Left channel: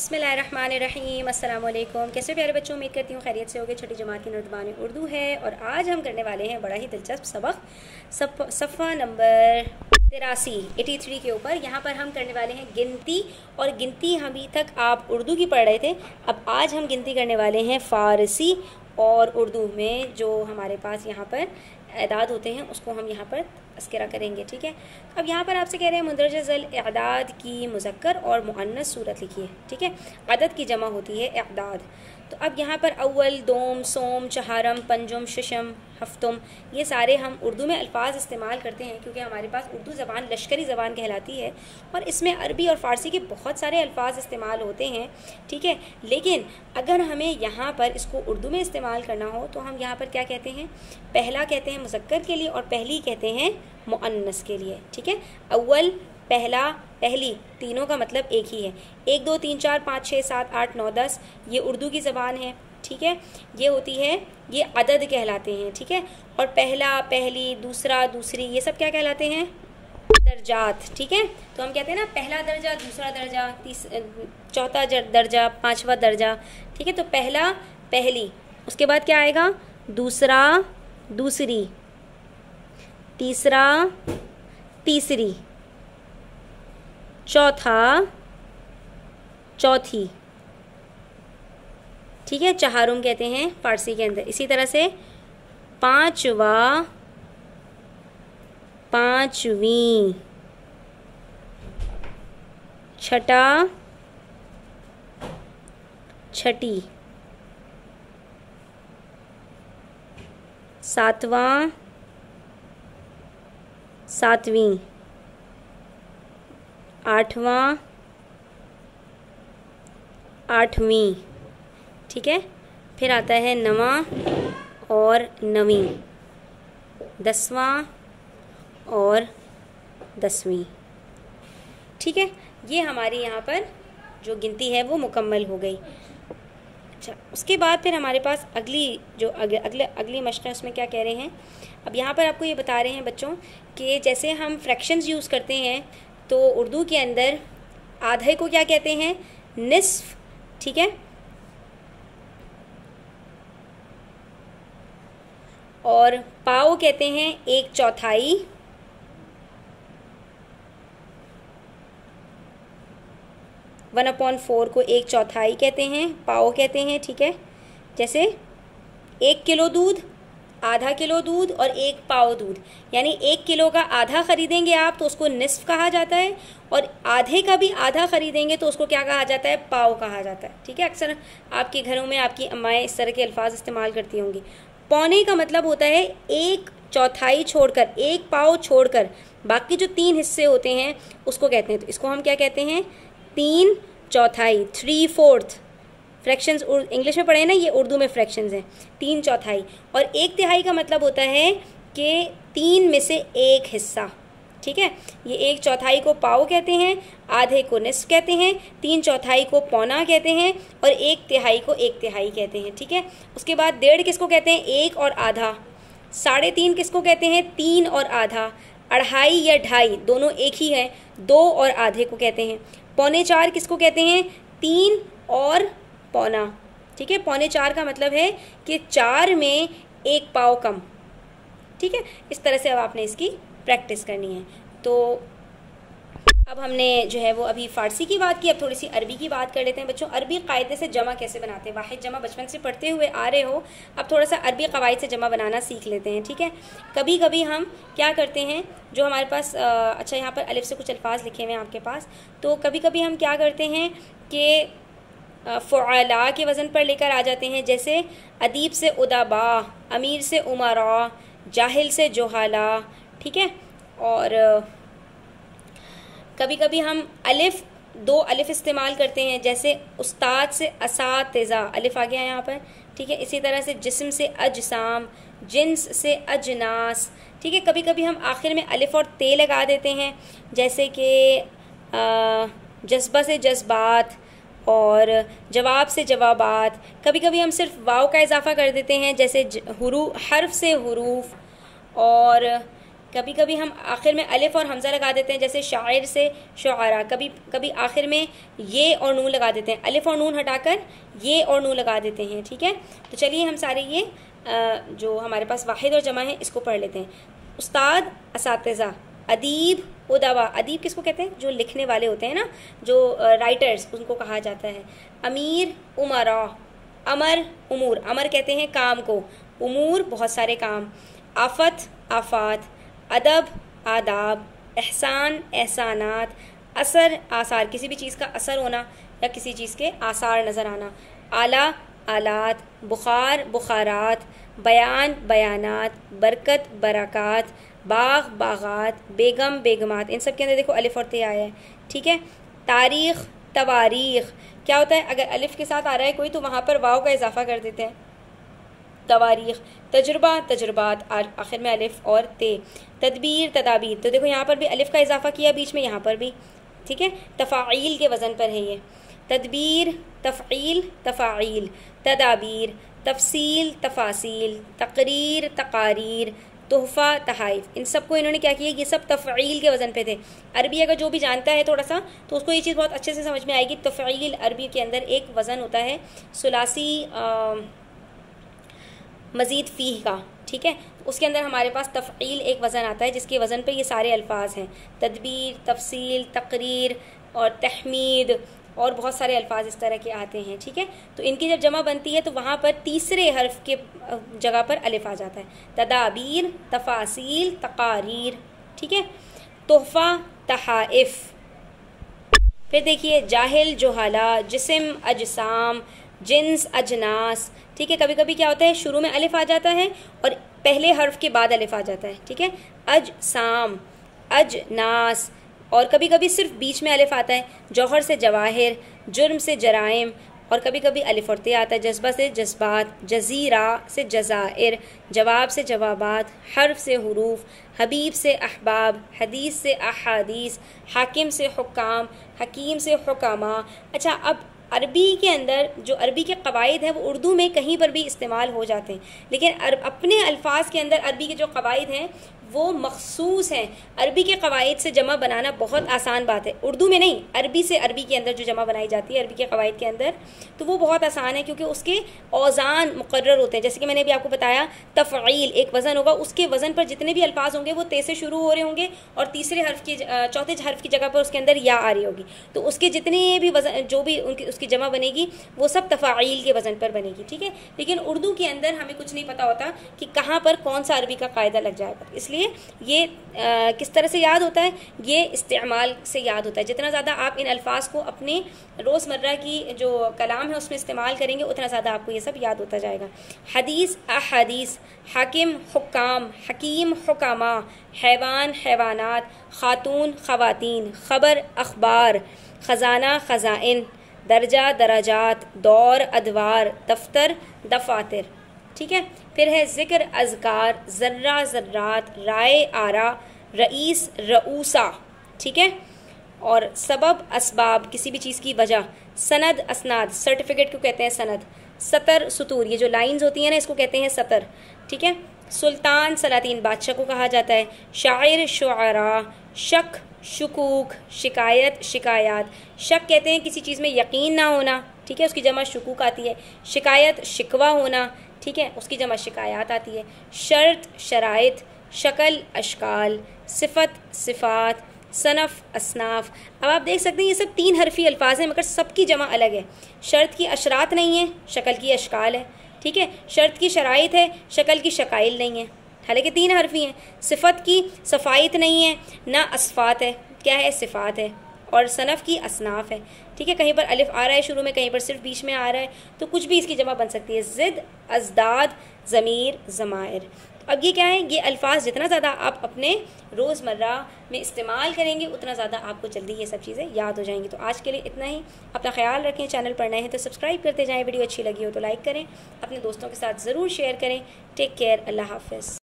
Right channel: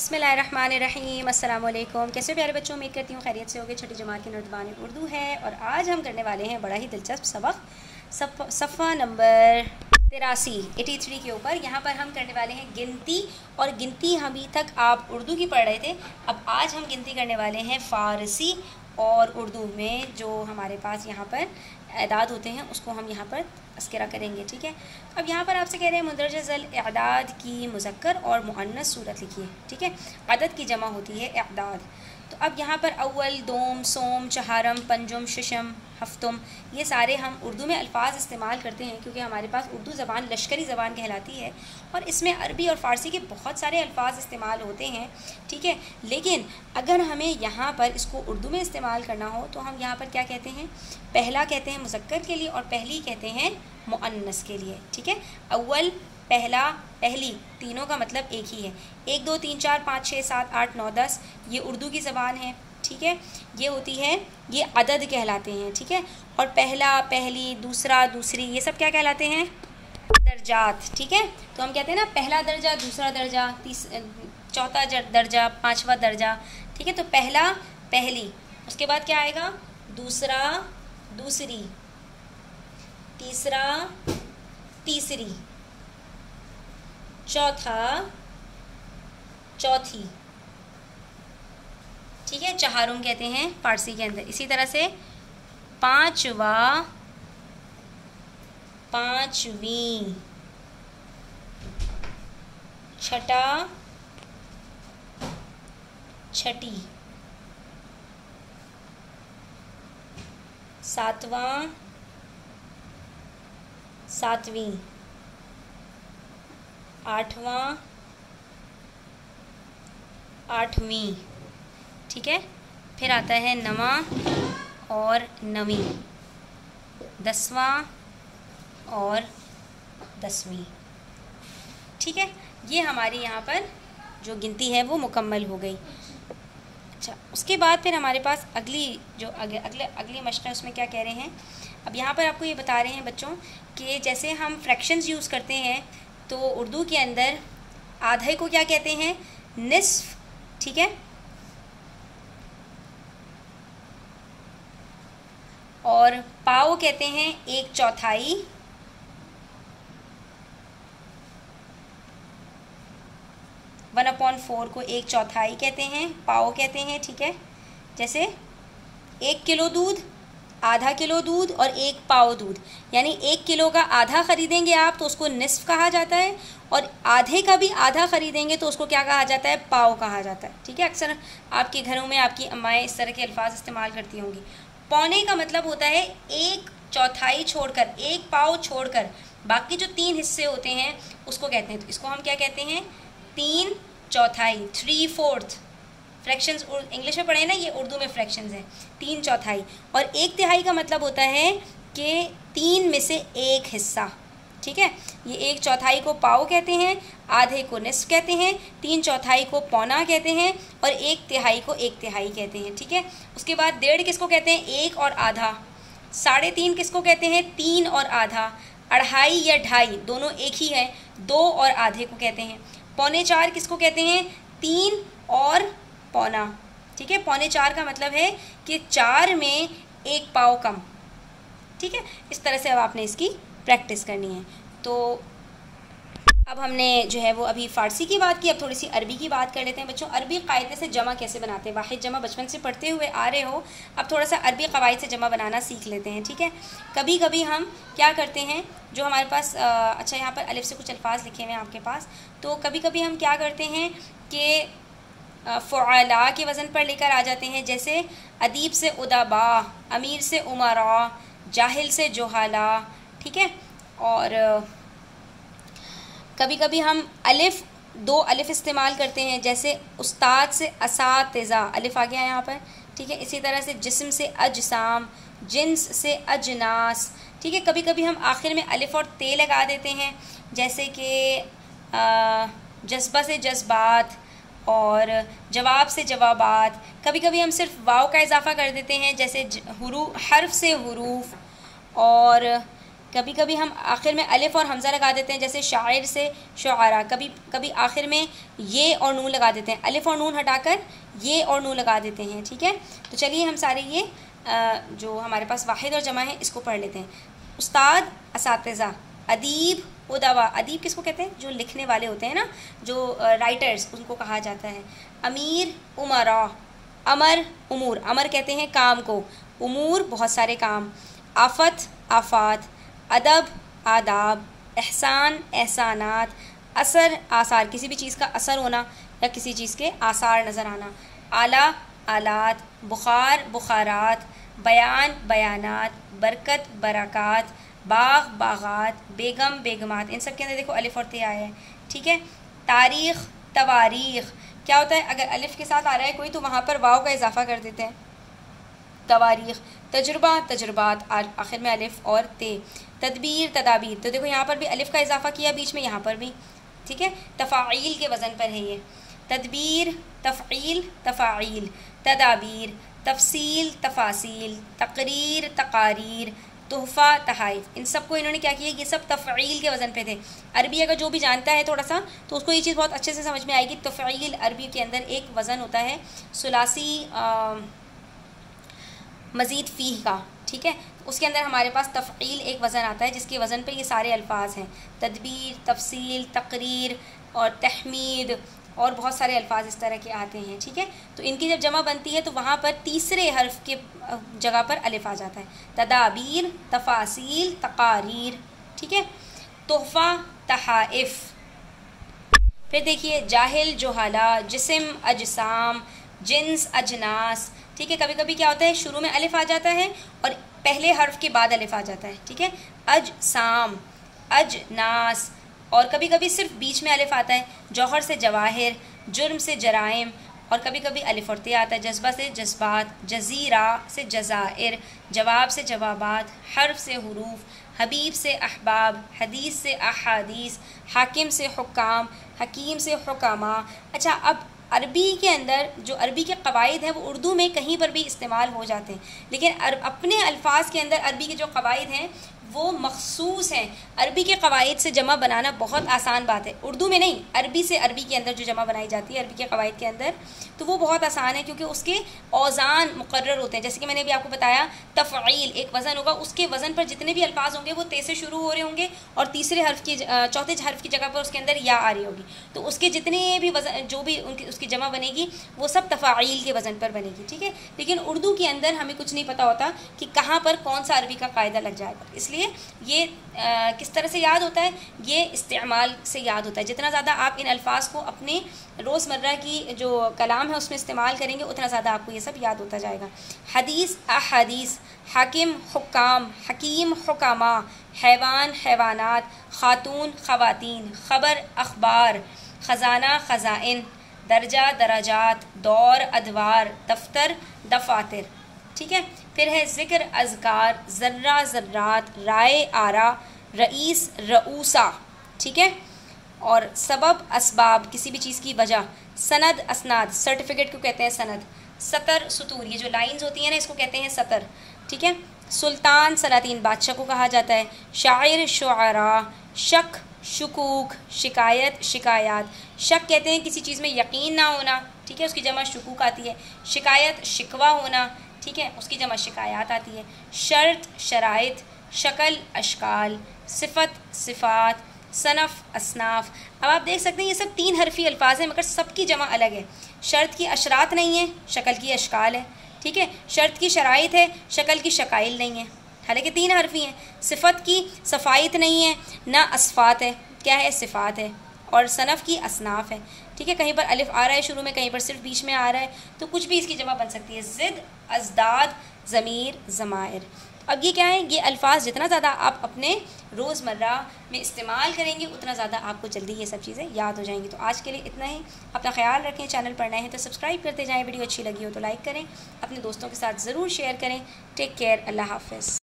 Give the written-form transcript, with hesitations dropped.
बिस्मिल्लाहिर्रहमानिर्रहीम अस्सलाम वालेकुम। कैसे प्यारे बच्चों, उम्मीद करती हूँ खैरियत से होगे। छठी जमात की नर्दबान उर्दू है और आज हम करने वाले हैं बड़ा ही दिलचस्प सबक सफ़ा नंबर 83 के ऊपर। यहाँ पर हम करने वाले हैं गिनती, और गिनती अभी तक आप उर्दू की पढ़ रहे थे। अब आज हम गिनती करने वाले हैं फ़ारसी और उर्दू में। जो हमारे पास यहाँ पर एदाद होते हैं उसको हम यहाँ पर तस्करा करेंगे, ठीक है। अब यहाँ पर आपसे कह रहे हैं मुंदरज ज़ल एदाद की मुज़क्कर और मुअन्नस सूरत लिखिए, ठीक है। अदद की जमा होती है एदाद। तो अब यहाँ पर अव्वल, दोम, सोम, चहारम, पंजुम, शिशम, हफ्तुम, ये सारे हम उर्दू में अल्फाज इस्तेमाल करते हैं क्योंकि हमारे पास उर्दू ज़बान लश्करी ज़बान कहलाती है और इसमें अरबी और फ़ारसी के बहुत सारे अल्फाज इस्तेमाल होते हैं, ठीक है। लेकिन अगर हमें यहाँ पर इसको उर्दू में इस्तेमाल करना हो तो हम यहाँ पर क्या कहते हैं, पहला कहते हैं मुज़क्कर के लिए और पहली कहते हैं मुअन्नस के लिए, ठीक है। अव्वल, पहला, पहली, तीनों का मतलब एक ही है। 1 2 3 4 5 6 7 8 9 10 ये उर्दू की ज़बान है, ठीक है। ये होती है, ये अदद कहलाते हैं, ठीक है। और पहला, पहली, दूसरा, दूसरी, ये सब क्या कहलाते हैं, दर्जात, ठीक है। तो हम कहते हैं ना पहला दर्जा, दूसरा दर्जा, चौथा दर्जा, पाँचवा दर्जा, ठीक है। तो पहला, पहली, उसके बाद क्या आएगा, दूसरा, दूसरी, तीसरा, तीसरी, चौथा, चौथी, ठीक है। चहारुम कहते हैं फारसी के अंदर। इसी तरह से पांचवा, पांचवी, छठा, छठी, सातवां, सातवीं, आठवां, आठवीं, ठीक है। फिर आता है नवां और नवीं, 10वां और 10वीं, ठीक है। ये हमारी यहाँ पर जो गिनती है वो मुकम्मल हो गई। अच्छा, उसके बाद फिर हमारे पास अगली जो अगली मशक़ है उसमें क्या कह रहे हैं। अब यहाँ पर आपको ये बता रहे हैं बच्चों कि जैसे हम फ्रैक्शंस यूज़ करते हैं तो उर्दू के अंदर आधे को क्या कहते हैं, निस्फ, ठीक है। और पाव कहते हैं 1/4, वन अपॉन 4 को 1/4 कहते हैं, पाव कहते हैं, ठीक है। जैसे 1 किलो दूध, आधा किलो दूध और 1 पाव दूध, यानी 1 किलो का आधा खरीदेंगे आप तो उसको निस्फ कहा जाता है, और आधे का भी आधा खरीदेंगे तो उसको क्या कहा जाता है, पाव कहा जाता है, ठीक है। अक्सर आपके घरों में आपकी अम्माएँ इस तरह के अल्फाज इस्तेमाल करती होंगी। पौने का मतलब होता है 1/4 छोड़कर, 1 पाव छोड़कर बाकी जो 3 हिस्से होते हैं उसको कहते हैं। तो इसको हम क्या कहते हैं, 3/4, 3/4। फ्रैक्शंस इंग्लिश में पढ़े ना, ये उर्दू में फ्रैक्शंस हैं। 3/4 और 1/3 का मतलब होता है कि 3 में से 1 हिस्सा, ठीक है। ये 1/4 को पाव कहते हैं, आधे को निस्फ कहते हैं, 3/4 को पौना कहते हैं और 1/3 को 1/3 कहते हैं, ठीक है। उसके बाद 1.5 किसको कहते हैं, 1 और आधा। 3.5 किसको कहते हैं, 3 और आधा। 2.5 या ढाई दोनों एक ही है, 2 और आधे को कहते हैं। 3.25 किसको कहते हैं, 3 और पौना, ठीक है। 3.25 का मतलब है कि 4 में 1 पाव कम, ठीक है। इस तरह से अब आपने इसकी प्रैक्टिस करनी है। तो अब हमने जो है वो अभी फ़ारसी की बात की, अब थोड़ी सी अरबी की बात कर लेते हैं बच्चों। अरबी कायदे से जमा कैसे बनाते हैं, वाहिद जमा बचपन से पढ़ते हुए आ रहे हो, अब थोड़ा सा अरबी कवायद से जमा बनाना सीख लेते हैं, ठीक है। कभी कभी हम क्या करते हैं, जो हमारे पास अच्छा यहाँ पर अलिफ से कुछ अल्फाज लिखे हुए हैं आपके पास, तो कभी कभी हम क्या करते हैं कि फ़ुआला के वज़न पर लेकर आ जाते हैं। जैसे अदीब से उदाबा, अमीर से उमरा, जाहिल से जोहाला, ठीक है। और कभी कभी हम अलिफ, 2 अलिफ इस्तेमाल करते हैं, जैसे उस्ताद से असातिज़ा, अलिफ आ गया यहाँ पर, ठीक है। इसी तरह से जिस्म से अजसाम, जिन्स से अजनास, ठीक है। कभी कभी हम आखिर में अलिफ और ते लगा देते हैं, जैसे कि जज्बा से जज्बात और जवाब से जवाबात। कभी कभी हम सिर्फ वाव का इजाफा कर देते हैं, जैसे हर्फ से हुरूफ। और कभी कभी हम आखिर में अलिफ और हमज़ा लगा देते हैं, जैसे शायर से शुआरा। कभी कभी आखिर में ये और नून लगा देते हैं, अलिफ और नून हटाकर ये और नून लगा देते हैं। ठीक है, तो चलिए हम सारे ये जो हमारे पास वाहिद और जमा है इसको पढ़ लेते हैं। उस्ताद, असातिज़ा, अदीब, उदवा। अदीब किसको कहते हैं? जो लिखने वाले होते हैं ना, जो राइटर्स, उनको कहा जाता है। अमीर, उमरा। अमर, उमूर। अमर कहते हैं काम को, उमूर बहुत सारे काम। आफत, आफात। अदब, आदाब। एहसान, एहसानात। असर, आसार, किसी भी चीज़ का असर होना या किसी चीज़ के आसार नज़र आना। आला, आलात। बुखार, बुखारात। बयान, बयानात। बरकत, बरक़ात। बाग, बागात। बेगम, बेगमात। इन सब के अंदर देखो अलिफ और ते आया है। ठीक है। तारीख़, तवारीख़। क्या होता है, अगर अलिफ के साथ आ रहा है कोई तो वहाँ पर वाव का इजाफा कर देते हैं, तवारीख़। तजुर्बा, तजुर्बात, आखिर में अलिफ और ते। तदबीर, तदाबीर, तो देखो यहाँ पर भी अलिफ का इजाफा किया बीच में, यहाँ पर भी। ठीक है, तफ़ाइल के वज़न पर है ये। तदबीर, तफ़ईल, तफ़ाइल। तदाबीर, तफसील, तफासील। तकरीर, तकारीर। तोहफ़ा, तहाइफ। इन सबको इन्होंने क्या किया, ये सब तफ़ईल के वज़न पे थे। अरबी अगर जो भी जानता है थोड़ा सा तो उसको ये चीज़ बहुत अच्छे से समझ में आएगी। तफ़ईल अरबी के अंदर एक वज़न होता है सुलासी मज़ीद फ़ीह का। ठीक है, उसके अंदर हमारे पास तफ़ईल एक वज़न आता है जिसके वज़न पे ये सारे अल्फाज हैं। तदबीर, तफसील, तकरीर और तहमीद और बहुत सारे अल्फाज इस तरह के आते हैं। ठीक है, तो इनकी जब जमा बनती है तो वहाँ पर तीसरे हर्फ के जगह पर अलिफ आ जाता है। तदाबीर, तफासील, तकारीर। ठीक है, तोहफ़ा, तहाइफ। फिर देखिए जाहिल, जोहाला, जिस्म, अजसाम, जिन्स, अजनास। ठीक है, कभी कभी क्या होता है शुरू में अलिफ आ जाता है और पहले हर्फ के बाद अलिफ आ जाता है। ठीक है, अजसाम, अजनास। और कभी कभी सिर्फ बीच में अलिफ आता है। जौहर से जवाहिर, जुर्म से जराइम। और कभी कभी अलिफ और ते आता है। जज्बा से जज्बात, जजीरा से जजाइर, जवाब से जवाबात, हर्फ से हुरूफ, हबीब से अहबाब, हदीस से अहादीस, हाकिम से हुक्काम, हकीम से हुकामा। अच्छा, अब अरबी के अंदर जो अरबी के कवायद हैं वो उर्दू में कहीं पर भी इस्तेमाल हो जाते हैं, लेकिन अपने अल्फाज के अंदर अरबी के जो कवायद हैं वो मखसूस हैं। अरबी के कवायद से जमा बनाना बहुत आसान बात है, उर्दू में नहीं, अरबी से अरबी के अंदर जो जमा बनाई जाती है अरबी के कवायद के अंदर, तो वो बहुत आसान है क्योंकि उसके औज़ान मुकर्रर होते हैं। जैसे कि मैंने भी आपको बताया, तफ़ईल एक वज़न होगा, उसके वज़न पर जितने भी अल्फाज होंगे वो ते से शुरू हो रहे होंगे और तीसरे हर्फ की चौथे हर्फ की जगह पर उसके अंदर या आ रही होगी, तो उसके जितने भी वज़न जो भी उनकी उसकी जमा बनेगी वो सब तफ़ईल के वज़न पर बनेगी। ठीक है, लेकिन उर्दू के अंदर हमें कुछ नहीं पता होता कि कहाँ पर कौन सा अरबी का कायदा लग जाएगा, इसलिए ये किस तरह से याद होता है, ये इस्तेमाल से याद होता है। जितना ज़्यादा आप इन अल्फाज को अपने रोज़मर्रा की जो कलाम है उसमें इस्तेमाल करेंगे उतना ज़्यादा आपको ये सब याद होता जाएगा। हदीस, अहदीस, हाकिम, हुक्काम, हकीम, हुकामा, हैवान, हैवानात, खातून, खवातीन, खबर, अखबार, ख़जाना, ख़ज़ाइन, दर्जा, दराजात, दौर, अदवार, दफ्तर, दफातर। ठीक है, फिर है ज़िक्र, अज़कार, ज़र्रा, ज़र्रात, राय, आरा, रईस, रऊसा। ठीक है, और सबब, असबाब, किसी भी चीज़ की वजह। सनद, असनाद, सर्टिफिकेट को कहते हैं सनद। सतर, सुतूर, ये जो लाइंस होती हैं ना इसको कहते हैं सतर। ठीक है, सुल्तान, सलातीन, बादशाह को कहा जाता है। शायर, शुआरा, शक, शुकूक, शिकायत, शिकायात। शक कहते हैं किसी चीज़ में यकीन ना होना, ठीक है, उसकी जमा शुकूक आती है। शिकायत, शिकवा होना, ठीक है, उसकी जमा शिकायात आती है। शर्त, शराइत, शक्ल, अशकाल, सिफत, सिफात, सनफ़, असनाफ। अब आप देख सकते हैं ये सब 3 हरफी अल्फाज हैं मगर सबकी जमा अलग है। शर्त की अशरात नहीं है, शक्ल की अशकाल है। ठीक है, शर्त की शराइत है, शक्ल की शकाइल नहीं है, हालांकि 3 हरफी हैं। सिफत की सफ़ाइत नहीं है, ना असफ़ात है, क्या है, सिफ़ात है। और सनफ़ की असनाफ है। ठीक है, कहीं पर अलिफ आ रहा है शुरू में, कहीं पर सिर्फ बीच में आ रहा है, तो कुछ भी इसकी जमा बन सकती है। ज़िद, अज़दाद, ज़मीर, ज़मायर। अब ये क्या है, ये अल्फाज जितना ज़्यादा आप अपने रोज़मर्रा में इस्तेमाल करेंगे उतना ज़्यादा आपको जल्दी ये सब चीज़ें याद हो जाएंगी। तो आज के लिए इतना ही, अपना ख्याल रखें। चैनल पर नए हैं तो सब्सक्राइब करते जाएँ, वीडियो अच्छी लगी हो तो लाइक करें, अपने दोस्तों के साथ ज़रूर शेयर करें। टेक केयर, अल्लाह हाफ़िज़।